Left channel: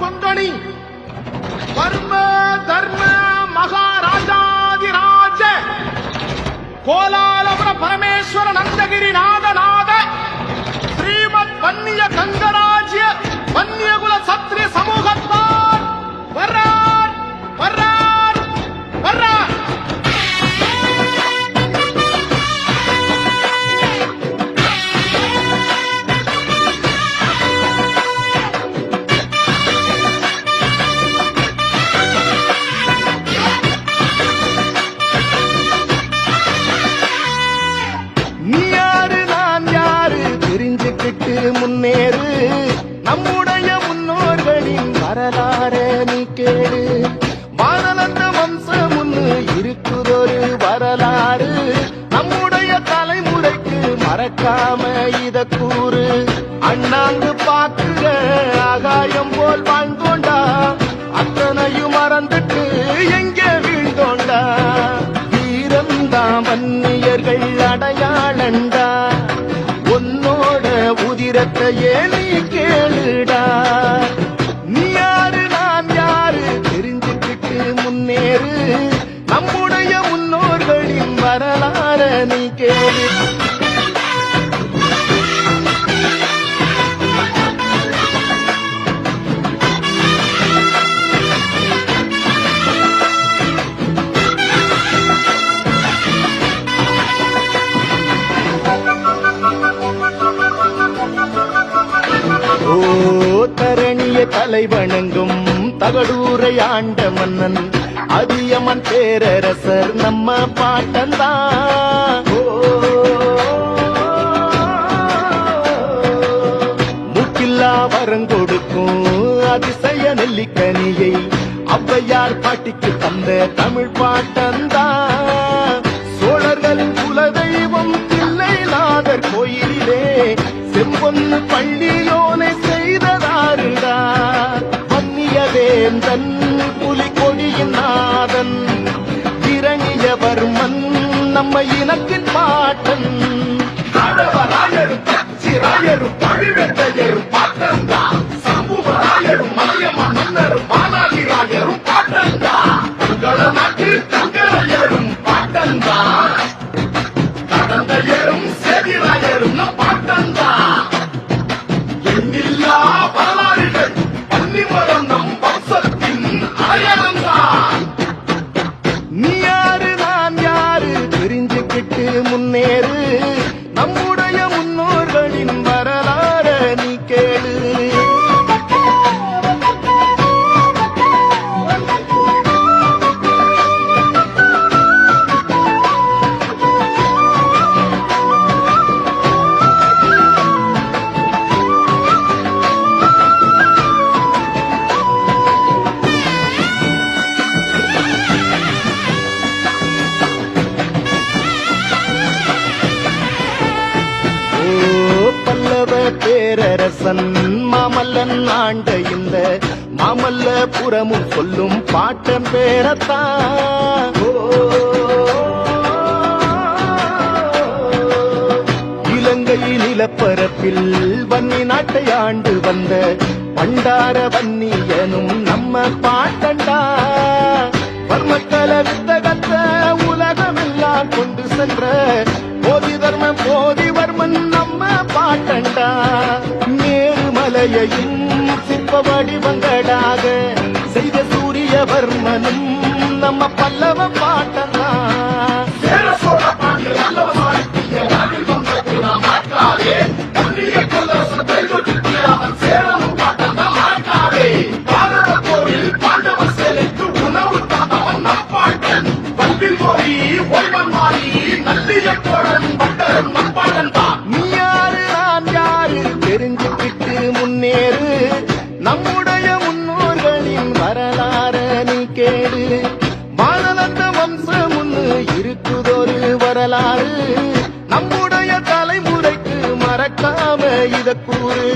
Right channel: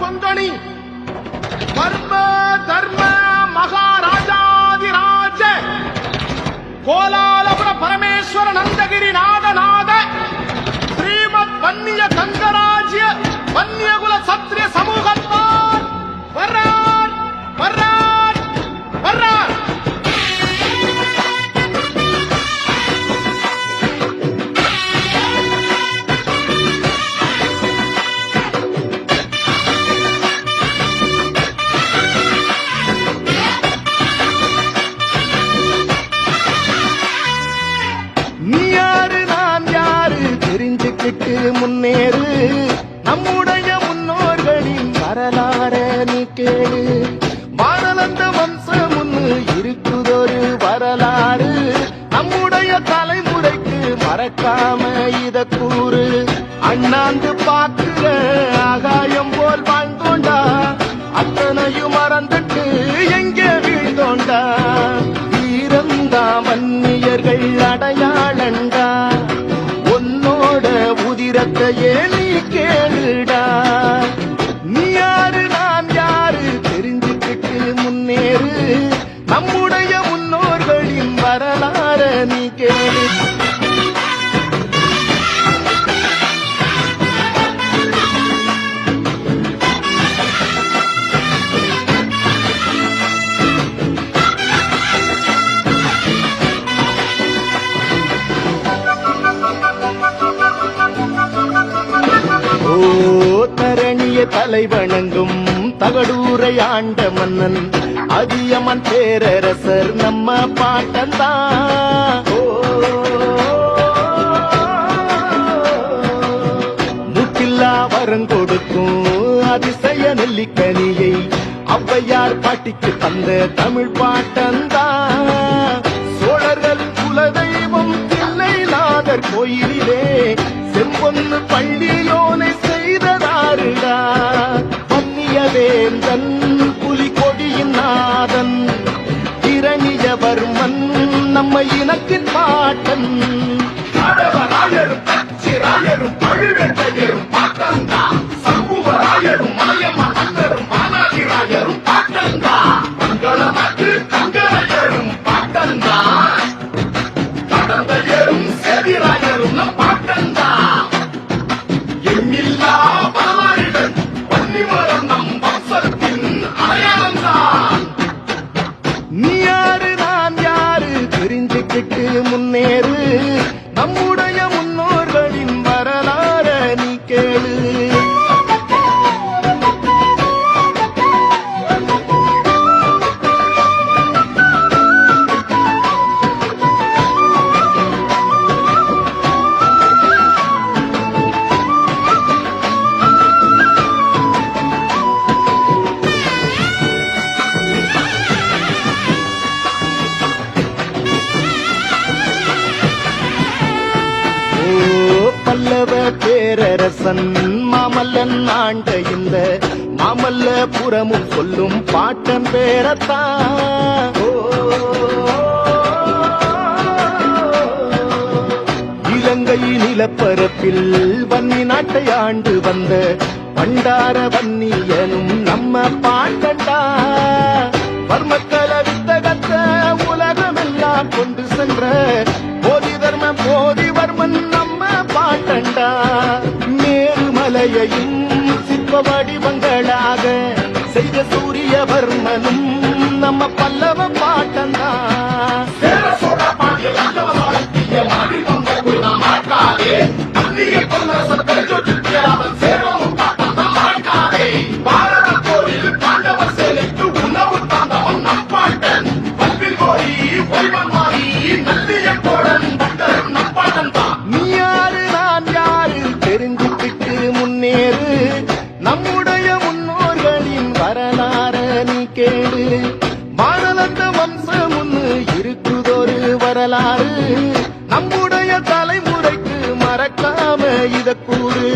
கொங்கணி வர்ம தர்ம மகாராஜாதிராஜ கோலாலபுர பரமேஸ்வர நந்தகிரி நாத ஸ்ரீமத் வன்னிய கங்கராஜ்ய வன்னியகுல சத்திரிய சமூகத்தார் வர்றார் வர்றார் வர்றார். நீ யாரு நான் யாரு தெரிஞ்சுக்கிட்டு முன்னேறு, நம்முடைய முன்னோர்களின் வரலாற நீ கேளு. பாரத வம்சம் ஒண்ணு இருக்குதொரு வரலாறு, நம்முடைய தலைமுறைக்கு மறக்காம இத கூறு. அண்ணாந்து பாக்குற ஆகாயம் போல் வாழ்ந்தோண்டா, அத்தனையும் மறந்துட்டு எங்கே வீழ்ந்தோண்டா. வீரந்தா வன்னியர்கள் அடையாளண்டா, உன்னோட உதிரத்தையே நீ கேளுடா. நீ யாரு நான் யாரு தெரிஞ்சுக்கிட்டு முன்னேறு, நம்முடைய முன்னோர்களின் வரலாற நீ கேளு. ஓ தரணிய தலைவணங்கும் தகடூரை ஆண்ட மன்னன் அதியமன் பேரரசர் நம்ம பாட்டந்தான். முக்கில்லா வரங்கொடுக்கும் அதிசய நெல்லிக்கனியை ஔவையார் பாட்டிக்கு தந்த தமிழ் பாட்டந்தான். சோழர்களின் குலதெய்வம் தில்லைநாதர் கோயிலிலே செம்பொன்னு பள்ளியோனை செய்ததாருடா. வன்னியவேந்தன் புலிகொடியின் நாதன் இரணியவர்மன் நம்ம இனத்தின் பாட்டன். நீ யாரு நான் யாரு தெரிஞ்சுக்கிட்டு முன்னேறு, நம்முடைய முன்னோர்களின் வரலாற நீ கேளு. பல்லவ பேரரசன் மாமல்லன் ஆண்ட இந்த மாமல்லபுரமும் சொல்லும் பாட்டன் பேரத்தான். இலங்கை நிலப்பரப்பில் வன்னி நாட்டை ஆண்டு வந்த பண்டார வன்னியனும் நம்ம பாட்டண்டா. வர்மக்கல வித்தகத்த உலகமெல்லாம் கொண்டு சென்ற போதி தர்ம போதிவர்மன் நம்ம பாட்டண்டா. மேருமலையையும் சிற்ப வடிவங்களாக செய்த சூரியவர்மனும் நம்ம பல்லவ பாட்டந்தா. நீ யாரு நான் யாரு தெரிஞ்சுக்கிட்டு முன்னேறு, நம்முடைய முன்னோர்களின் வரலாற நீ கேளு. பாரத வம்சம் ஒண்ணு இருக்குதொரு வரலாறு, நம்முடைய தலைமுறைக்கு மறக்காம இத கூறு.